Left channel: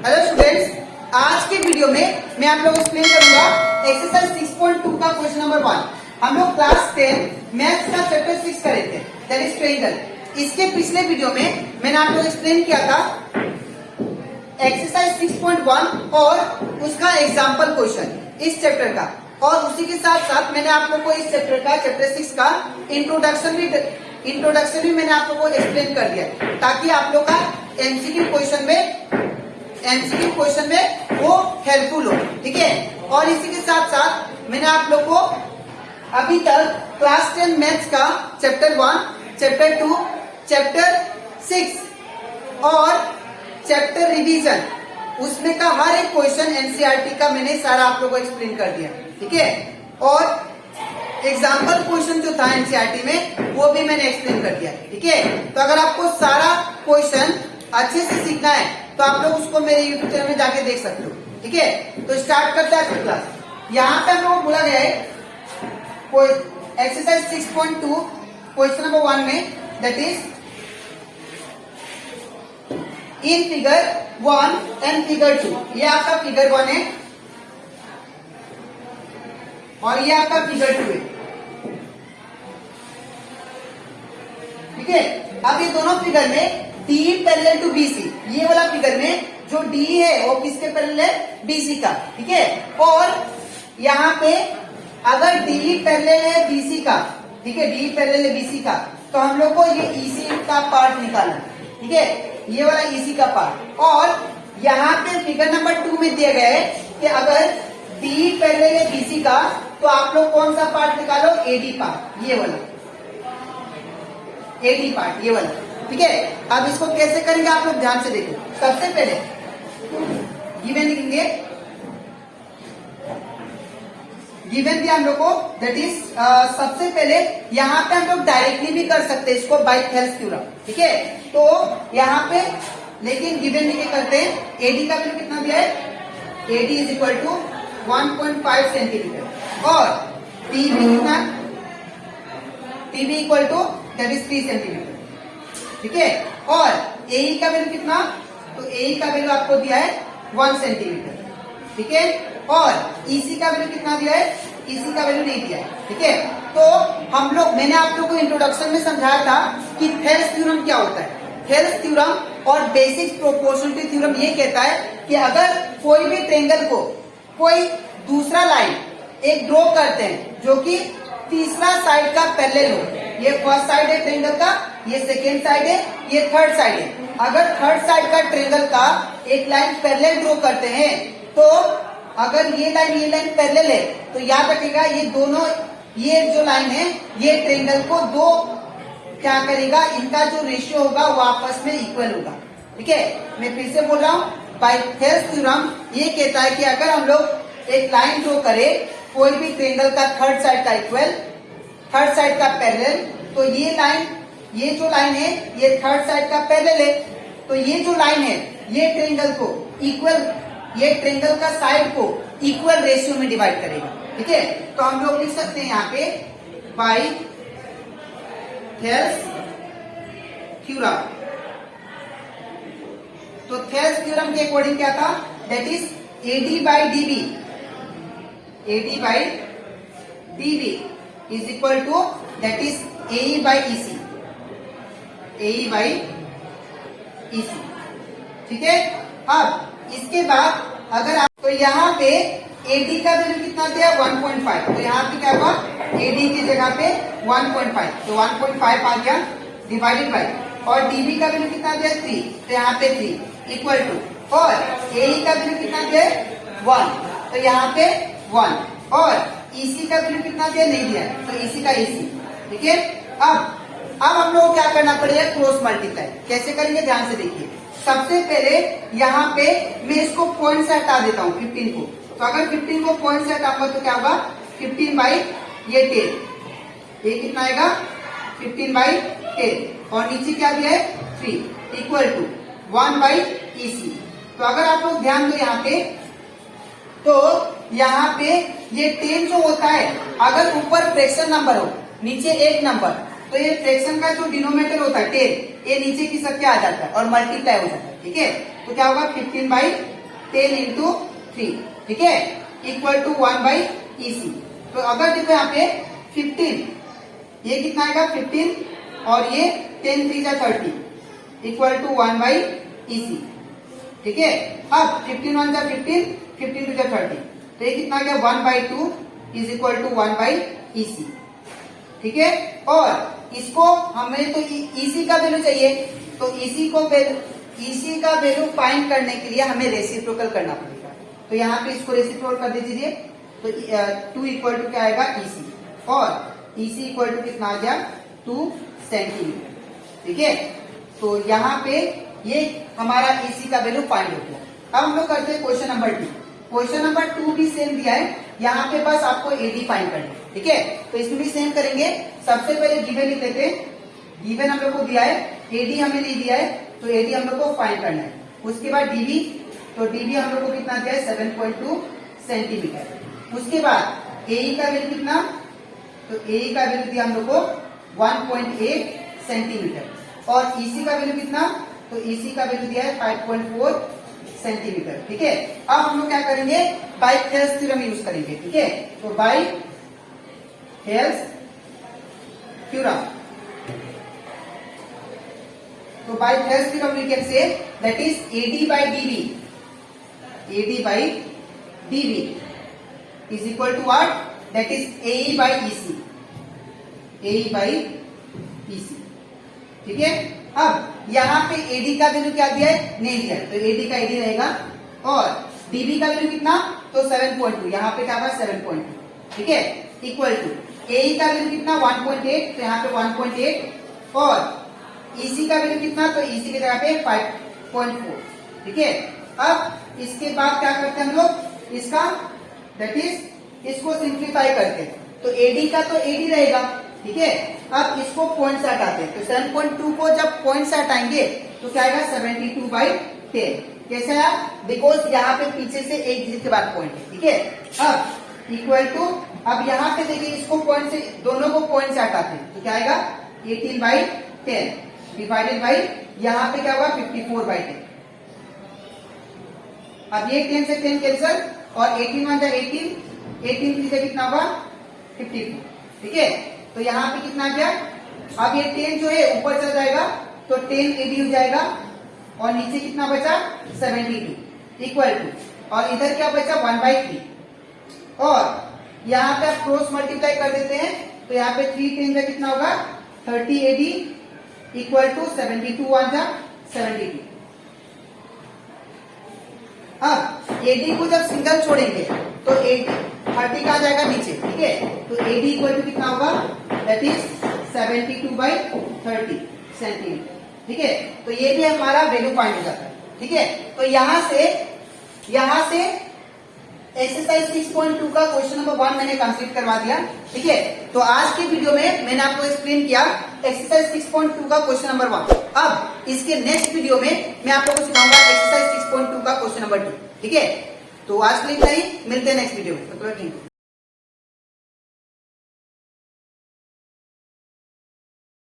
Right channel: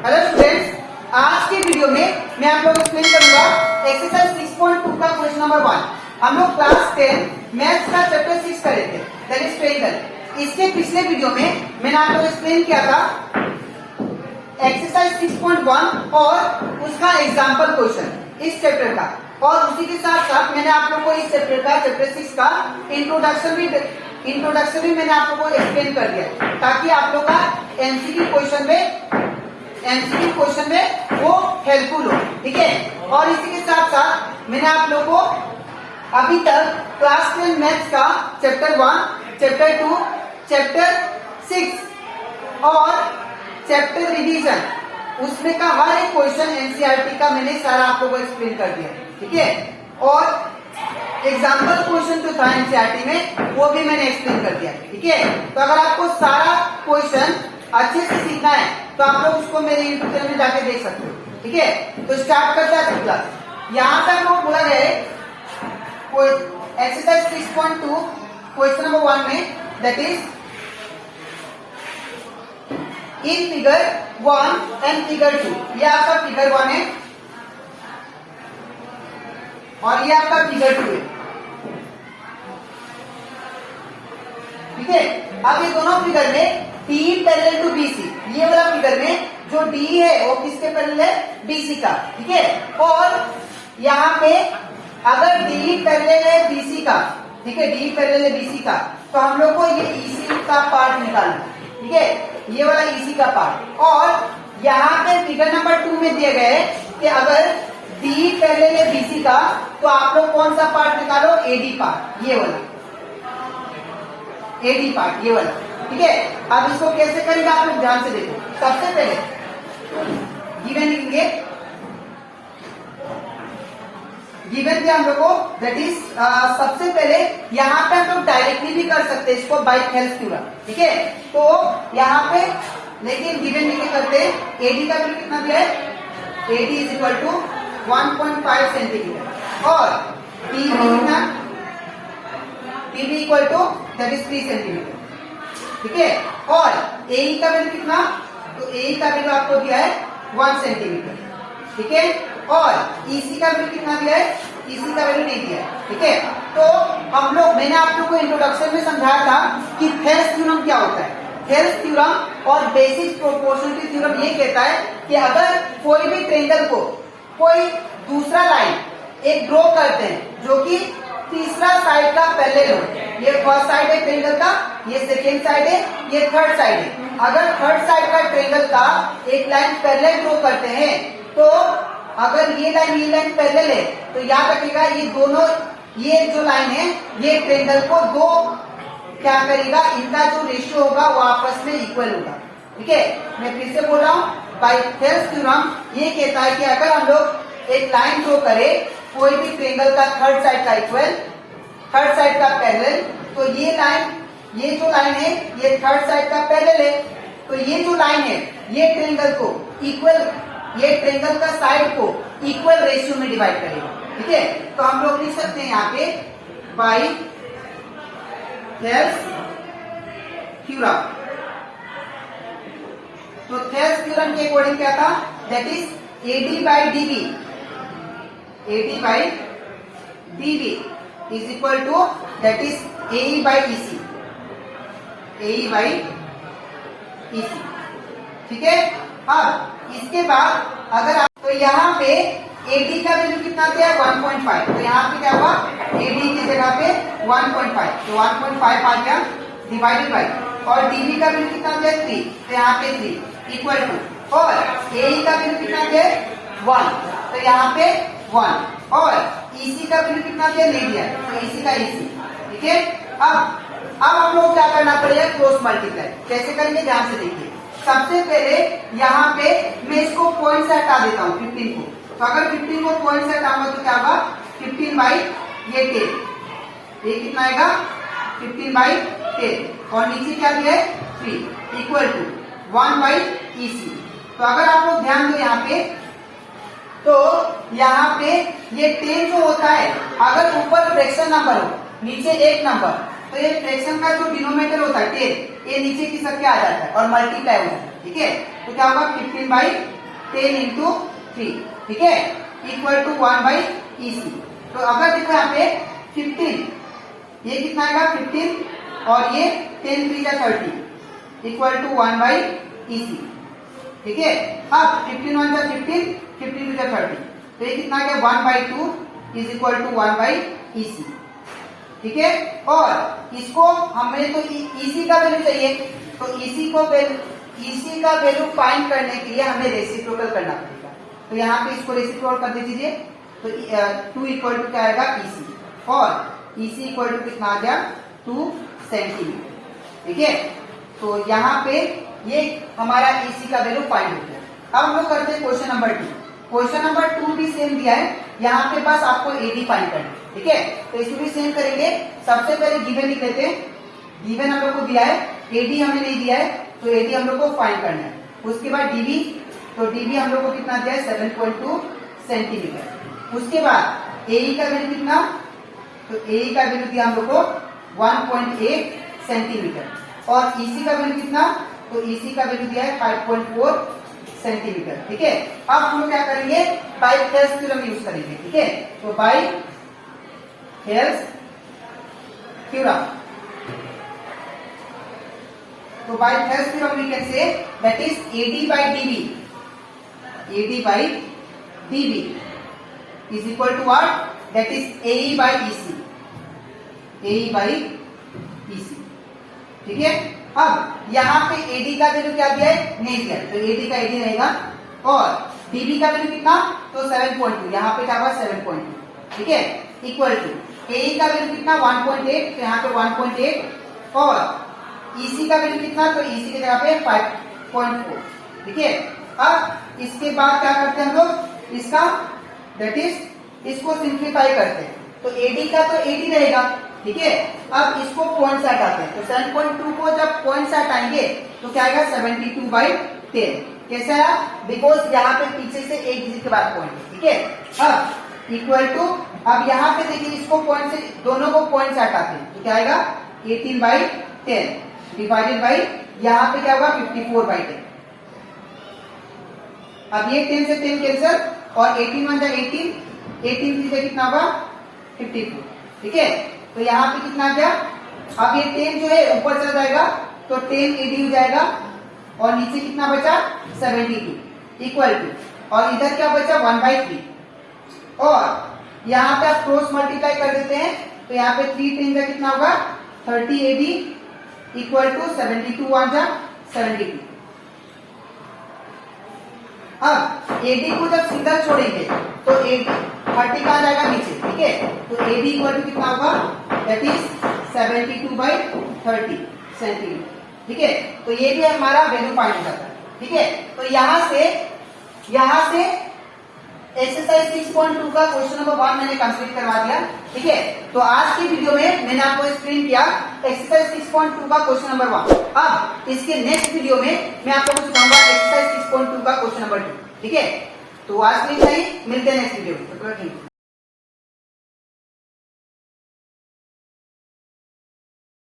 Hello students, आज के video में मैं आप लोग को एक्सप्लेन करूंगा एक्सरसाइज 6.2 का क्वेश्चन नंबर 1। हम लोग क्लास 10 मैथ्स का चैप्टर 6 करे थे, दैट इज ट्रायंगल। इसके पिछले वीडियो में मैंने आप लोग को एक्सप्लेन किया था एक्सरसाइज 6.1 और उसका एग्जाम्पल क्वेश्चन इस चैप्टर का, और उसी के साथ साथ मैंने आप लोग को इस चैप्टर का चैप्टर 6 का इंट्रोडक्शन भी मैंने आप लोग को एक्सप्लेन कर दिया, ताकि आप लोग का एमसीक्यू क्वेश्चन में वो हेल्पफुल हो। ठीक है, और इसी के साथ साथ मैंने आप लोग को अभी तक क्लास 10 मैथ्स का चैप्टर 1, चैप्टर 2, चैप्टर 6 और चैप्टर रिवीजन, उसमें का हर एक क्वेश्चन एनसीईआरटी का मैंने सारा आप लोगों को एक्सप्लेन कर दिया। ठीक है, और एग्जाम्पल क्वेश्चन जो था एनसीईआरटी में वो भी मैंने एक्सप्लेन कर दिया। ठीक है, तो अगर आपको सारा क्वेश्चन अच्छे से सीखना है तो आप लोग उसको मेरे यूट्यूब चैनल में जाके देख सकते हो। ठीक है, तो स्टार्ट करते हैं क्लास। यहाँ पे हम लोग बोला गया है एक्सरसाइज 6.2 क्वेश्चन नंबर 1 में, that is in figure 1 and figure 2। ये आपका फिगर 1 है और ये आपका फिगर 2 है। ठीक है, अब ये दोनों फिगर में डी पैरेलल टू बीसी, ये वाला फिगर में जो डी है वो किसके पैरेलल है? बीसी का। ठीक है, और यहाँ पे अगर डी पैरेलल है बीसी का, ठीक है, डी पैरेलल है बीसी का, तो हम लोग को ये ईसी का पार्ट निकालना। ठीक है, ये वाला ईसी का पार्ट, और यहाँ पे फिगर नंबर 2 में दिया गया है कि अगर डी पैरेलल है बीसी का तो आप लोग कौन सा पार्ट निकालो? एडी पार्ट, ये वाला एडी पार्ट, ये वाला। ठीक है, अब इसको कैसे करेंगे आप लोग ध्यान से देखो। सबसे पहले गिवन लिखेंगे, गिवन दिया हम लोग को, दैट इज सबसे पहले यहाँ पे हम लोग डायरेक्टली भी कर सकते हैं इसको बाय हेल्प थ्योरम। ठीक है, तो यहाँ पे लेकिन गिवन लिखे करते हैं एडी का वैल्यू कितना दिया है? AD is equal to 1.5 centimetre, और TB equal to that is 3 centimetre. ठीक है, और एई का वैल्यू कितना? तो एई का वैल्यू आपको दिया है 1 सेंटीमीटर। ठीक है, और ईसी का वैल्यू कितना दिया है? ईसी का वैल्यू नहीं दिया है। ठीक है, तो हम लोग, मैंने आप लोगों को इंट्रोडक्शन में समझाया था कि थेल्स थ्योरम क्या होता है। थेल्स थ्योरम और बेसिक प्रोपोर्शनलिटी थ्योरम ये कहता है कि अगर कोई भी ट्रायंगल को कोई दूसरा लाइन एक ड्रॉ करते हैं जो कि तीसरा साइड का पैरेलल हो, ये फर्स्ट साइड है ट्रायंगल का, ये सेकेंड साइड है, ये थर्ड साइड है। अगर थर्ड साइड का ट्रायंगल का एक लाइन पैरेलल ड्रॉ करते हैं, तो अगर ये लाइन पैरेलल है तो याद रखिएगा ये दोनों, ये जो लाइन है ये ट्रायंगल को दो क्या करेगा, इनका जो रेशियो होगा वो आपस में इक्वल होगा। ठीक है, मैं फिर से बोल रहा हूँ, बाय थेल्स थ्योरम ये कहता है कि अगर हम लोग एक लाइन ड्रॉ करें कोई भी ट्रायंगल का थर्ड साइड का इक्वल, थर्ड साइड का पैरेलल, तो ये लाइन, ये जो लाइन है ये थर्ड साइड का पैरेलल है, तो ये जो लाइन है ये ट्रायंगल को इक्वल, ये ट्रायंगल का साइड को इक्वल रेशियो में डिवाइड करेगा। ठीक है, तो हम लोग लिख सकते हैं यहाँ पे बाय थेल्स थ्योरम। तो थेल्स थ्योरम के अकॉर्डिंग क्या था? That is AD by DB, AD by DB is equal to that is AE by EC, AE by EC. ठीक है, अब इसके बाद अगर आप, तो यहाँ पे एडी का वैल्यू कितना दिया? 1.5, तो यहाँ पे क्या हुआ? एडी की जगह पे 1.5, तो 1.5 आ गया डिवाइडेड बाई, और डीबी का वैल्यू कितना दिया? 3, तो यहाँ पे 3 इक्वल टू, और एई का वैल्यू कितना दिया? 1, तो यहाँ पे 1, और ईसी का वैल्यू कितना दिया? नहीं दिया, तो ईसी का ईसी। ठीक है, अब हम लोग क्या करना पड़ेगा? Cross multiply. कैसे करेंगे ध्यान से देखिए। सबसे पहले यहाँ पे मैं इसको पॉइंट से हटा देता हूँ 15 को, तो अगर 15 को पॉइंट से हटाऊंगा तो क्या होगा? 15 बाई ये 10, ये कितना आएगा? 15 बाई 10, और नीचे क्या दिया है? 3 इक्वल टू 1 बाई ईसी। तो अगर आप लोग ध्यान दो यहाँ पे, तो यहाँ पे ये 10 जो होता है, अगर ऊपर फ्रैक्शन नंबर हो नीचे एक नंबर, तो ये फ्रैक्शन का जो डिनोमिनेटर होता है 10, ये नीचे की सबके आ जाता है और मल्टीप्लाई हो जाता है। ठीक है, तो क्या होगा 15/10 इंटू 3, ठीक है, इक्वल टू 1/EC। तो अगर देखो यहाँ पे 15, ये कितना आएगा 15 और ये 10 3 जा 30 इक्वल टू 1/EC, ठीक है। अब 15 1 जा 15, 15 2 जा 30, तो ये कितना आ गया 1/2 इज इक्वल टू 1/EC, ठीक है। और इसको हमें तो EC का वैल्यू चाहिए, तो EC का वैल्यू फाइंड करने के लिए हमें रेसिप्रोकल करना पड़ेगा। तो यहाँ पे इसको रेसिप्रोकल कर दीजिए, तो 2 इक्वल टू क्या आएगा EC, और EC इक्वल टू कितना आ गया 2 सेंटीमीटर, ठीक है। तो यहाँ पे ये हमारा EC का वैल्यू फाइंड हो गया। अब हम लोग करते हैं क्वेश्चन नंबर 2। क्वेश्चन नंबर 2 भी सेम दिया है, यहाँ पे बस आपको AD फाइंड करना है, ठीक है। तो इसमें भी सेम करेंगे। सबसे पहले गिवन लिख लेते हैं। गिवन हम लोग को दिया है, AD हमें नहीं दिया है, तो AD हम लोग को फाइंड करना है। उसके बाद DB, तो DB हम लोग को कितना दिया है 7.2 सेंटीमीटर। उसके बाद AE का वैल्यू कितना, तो AE का वैल्यू दिया हम लोग को 1.8 सेंटीमीटर, और EC का वैल्यू कितना, तो EC का वैल्यू दिया है 5.4 सेंटीमीटर, ठीक है। अब हम लोग क्या करेंगे, बाय हेल्स थ्योरम यूज करेंगे, ठीक है। तो बाय हेल्स थ्योरम, तो by Thales theorem we can say that is AD by DB is equal to what, that is AE by EC, ठीक है। अब यहाँ पे AD का वैल्यू क्या दिया है, नहीं दिया, तो AD का AD रहेगा, और DB का वैल्यू कितना, तो 7.2, यहाँ पे क्या होगा 7.2, ठीक है, इक्वल टू AE का वैल्यू कितना 1.8, तो यहाँ पे 1.8, और EC का वैल्यू कितना, तो EC की जगह पे 5.4, ठीक है। अब इसके बाद क्या करते हैं हम लोग, इसका दैट इज इसको सिंप्लीफाई करते हैं, तो AD का तो AD रहेगा, ठीक है। अब इसको पॉइंट से हटाते हैं, तो 7.2 को जब पॉइंट से हटाएंगे तो क्या आएगा 72/10, कैसा है, बिकॉज यहाँ पे पीछे से एक डिजिट के बाद पॉइंट है, ठीक है। अब इक्वल टू, अब यहाँ पे देखिए इसको पॉइंट से, दोनों को पॉइंट से हटाते हैं, तो क्या आएगा 18/10 डिवाइडेड बाई, यहाँ पे क्या होगा 54/10। अब ये 10 से 10 कैंसिल, और 18 1 18, 18 3 कितना होगा 54, ठीक है। तो यहाँ पे कितना आ गया, अब ये 10 जो है ऊपर चला जाएगा, तो 10 AD हो जाएगा, और नीचे कितना बचा 72 इक्वल टू, और इधर क्या बचा 1/3, और यहाँ पे आप क्रॉस मल्टीप्लाई कर देते हैं, तो यहाँ पे 3 10 का कितना होगा 30 AD इक्वल टू 72 1 72। अब AD को जब सिंगल छोड़ेंगे तो 30 का जाएगा नीचे, ठीक है। तो AD इक्वल टू कितना होगा, दैट इज 72/30 सेंटीमीटर, ठीक है। तो ये भी हमारा वैल्यू फाइंड हो जाता है, ठीक है। तो यहाँ से एक्सरसाइज 6.2 का क्वेश्चन नंबर 1 मैंने कंप्लीट करवा दिया, ठीक है। तो आज की वीडियो में मैंने आपको एक्सप्लेन किया एक्सरसाइज 6.2 का क्वेश्चन नंबर 1। अब इसके नेक्स्ट वीडियो में मैं आपको सिखाऊंगा एक्सरसाइज 6.2 का क्वेश्चन नंबर 2, ठीक है। तो आज के लिए मिलते हैं नेक्स्ट वीडियो में।